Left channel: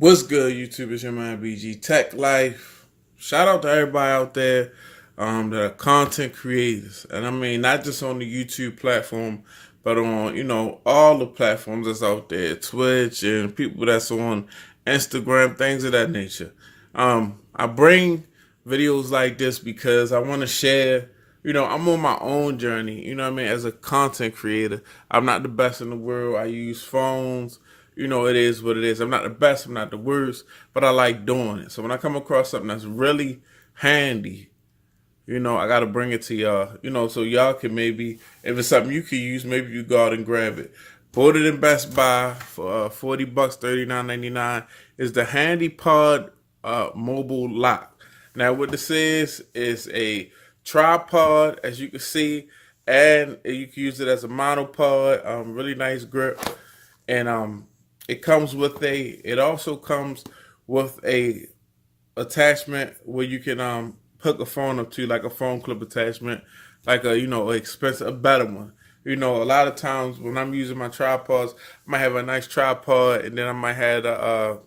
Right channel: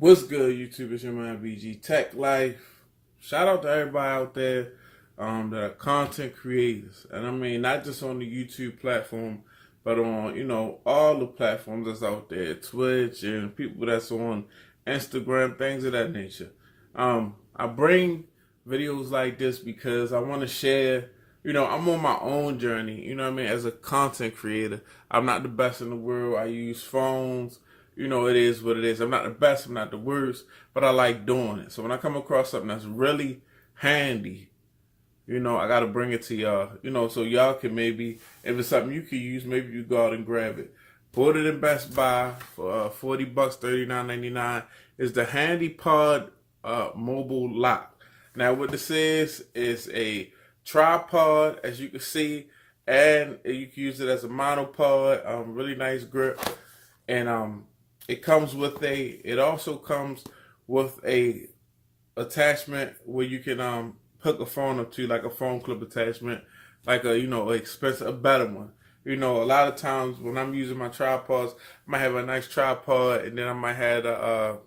What's good, YouTube? It's your man BG Tech Life. Shout out to everybody out there that are content creators, and I mean not just on the YouTube platform, but on all the platforms that's out there, Twitch and people that's on Instagram, things of that nature. I bring videos like this because I want to share. I'm on my own journey. You know what I mean? As a content creator, I'm not the best in the world. I use phones. It is what it is. I'm not the best, I'm not the worst, but I like doing it. So when I come across something that's really handy, I got to bring it to y'all, so y'all can maybe, if it's something you can use, maybe you go out and grab it. Bought it in Best Buy for $40, $39.99. Is the HandyPod mobile lock. Now what this is a tripod, as you can see, and you can use it as a monopod. Really nice grip, and it also comes with a attachment where you can hook a phone up to, like a phone clip attachment, like a better one. A lot of times when I'm using my tripods, I might have a nice tripod, and then I might have a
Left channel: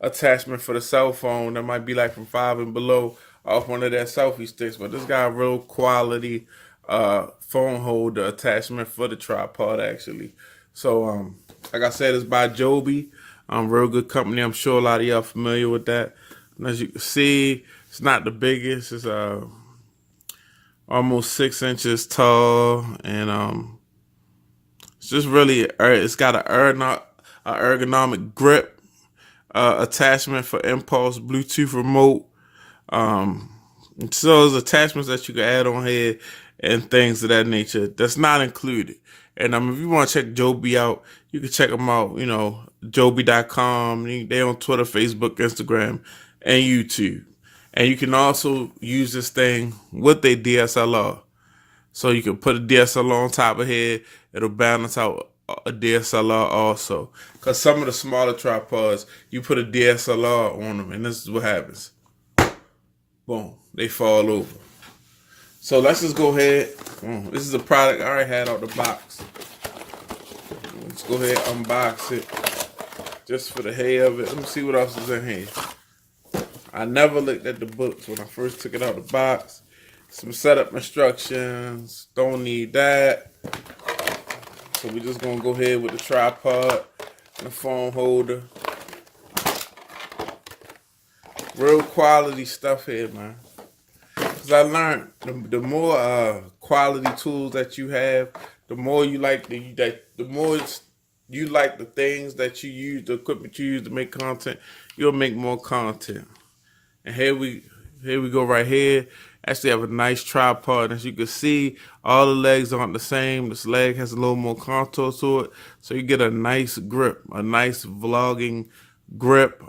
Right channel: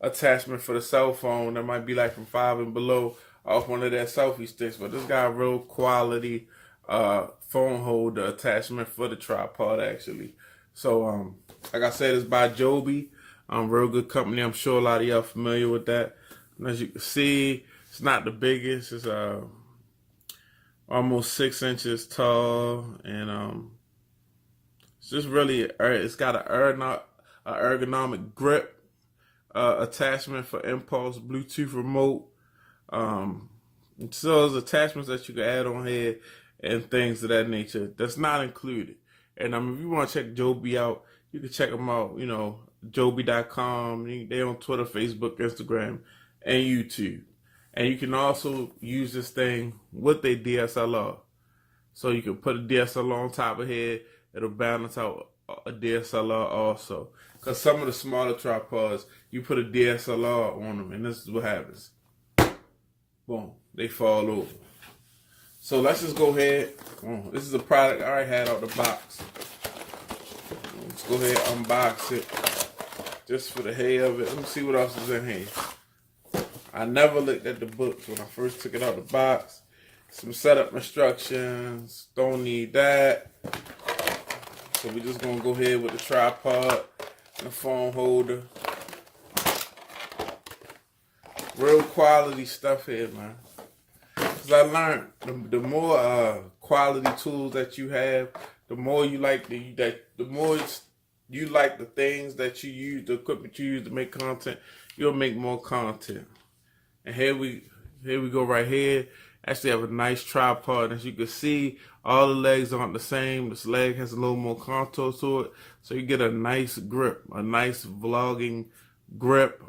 attachment for the cell phone that might be like from five and below off one of their selfie sticks. But this got a real quality phone holder attachment for the tripod actually. So like I said, it's by Joby. Real good company. I'm sure a lot of y'all familiar with that. And as you can see, it's not the biggest. It's almost 6 inches tall, and it's just really, it's got an ergonomic grip attachment for impulse Bluetooth remote. So there's attachments that you can add on here and things of that nature that's not included. And if you want to check Joby out, you can check them out, Joby.com. They're on Twitter, Facebook, Instagram, and YouTube. And you can also use this thing with a DSLR. So you can put a DSLR on top of here. It'll balance out a DSLR also. Because some of the smaller tripods, you put a DSLR on them, and this is what happens. Boom, they fall over. So let's just go ahead. This is a product I already had out the box. Let's go ahead and unbox it just for the hell of it. Let me see what else is in here. I never looked at the books when I first took it out the box. Some setup instructions. Don't need that. So we're just gonna go ahead with the tripod and the phone holder. Real quality stuff here, man. Because I learned the more quality tools that you have, the more you like the more you like the things that you use, the equipment you use to make content, you'll make more content. And here we go right here. Actually have a nice tripod. As you can see, all the legs aren't the same. This leg has a little more contour to it. So you get a nice grip, a nice vlogging grip.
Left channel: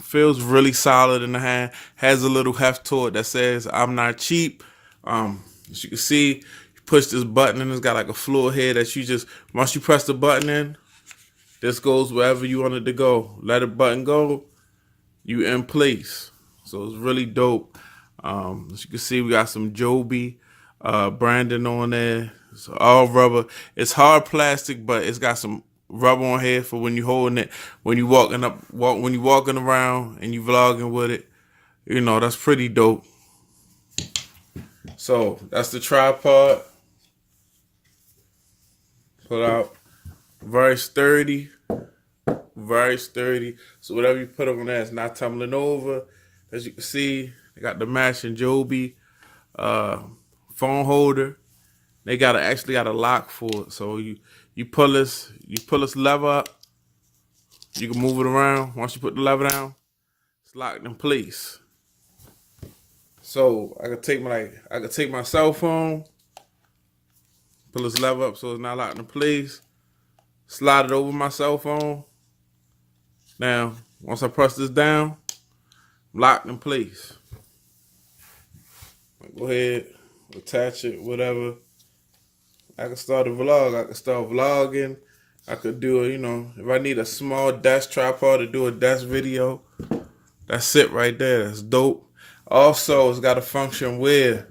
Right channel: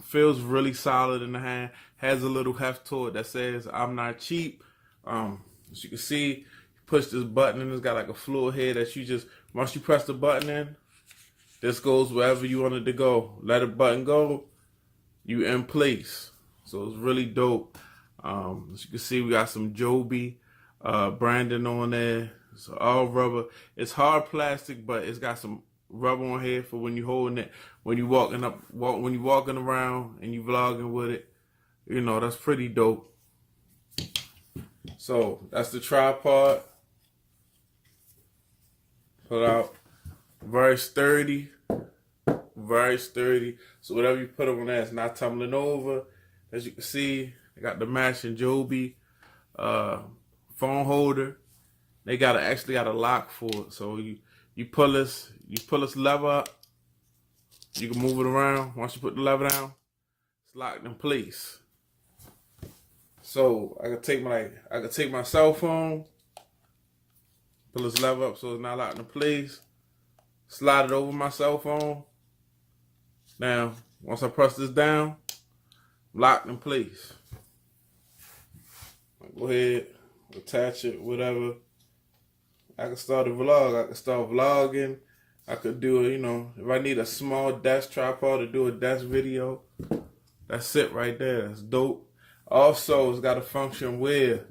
Feels really solid in the hand. Has a little heft to it that says I'm not cheap. As you can see, you push this button and it's got like a floor here that you just, once you press the button in, this goes wherever you want it to go. Let the button go, you in place. So it's really dope. As you can see, we got some Joby branding on there. It's all rubber. It's hard plastic, but it's got some rubber on here for when you're holding it, when you when you're walking around and you vlogging with it. That's pretty dope. So that's the tripod. Put out. Very sturdy. Very sturdy. So whatever you put on there, it's not tumbling over. As you can see, they got the matching Joby phone holder. They actually got a lock for it. So you pull this lever up. You can move it around. Once you put the lever down, it's locked in place. So I could take my cell phone, pull this lever up so it's not locked in place. Slide it over my cell phone. Now, once I press this down, locked in place. Go ahead, attach it, whatever. I can start a vlog. I can start vlogging. I could do if I need a small desk tripod to do a desk video, that's it right there. That's dope. Also, it's got a function where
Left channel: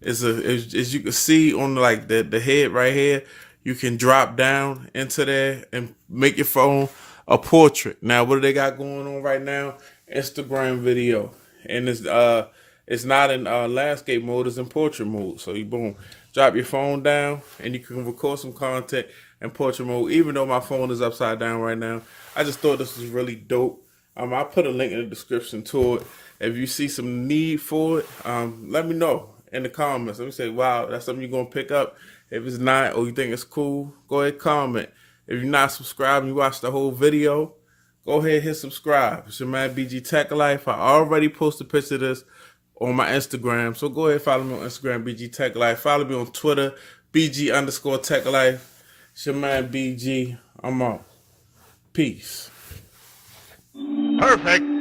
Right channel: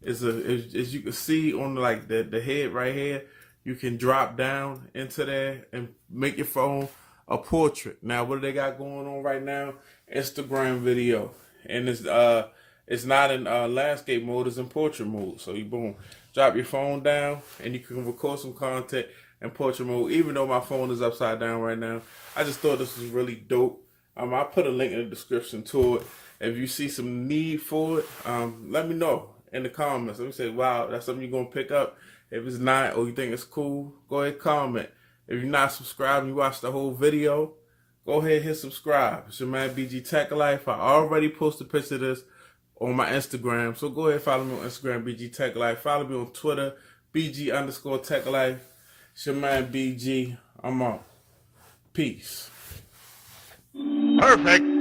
as you can see on like the head right here, you can drop down into there and make your phone a portrait. Now, what do they got going on right now? Instagram video, and it's not in landscape mode; it's in portrait mode. So you boom, drop your phone down, and you can record some content in portrait mode. Even though my phone is upside down right now, I just thought this was really dope. I put a link in the description to it. If you see some need for it, let me know in the comments. Let me say, wow, that's something you're gonna pick up. If it's not, or you think it's cool, go ahead and comment. If you're not subscribed and you watch the whole video, go ahead and hit subscribe. It's your man BG Tech Life. I already posted a picture of this on my Instagram. So go ahead and follow me on Instagram, BG Tech Life. Follow me on Twitter, BG_Tech Life. It's your man BG. I'm out. Peace. Perfect.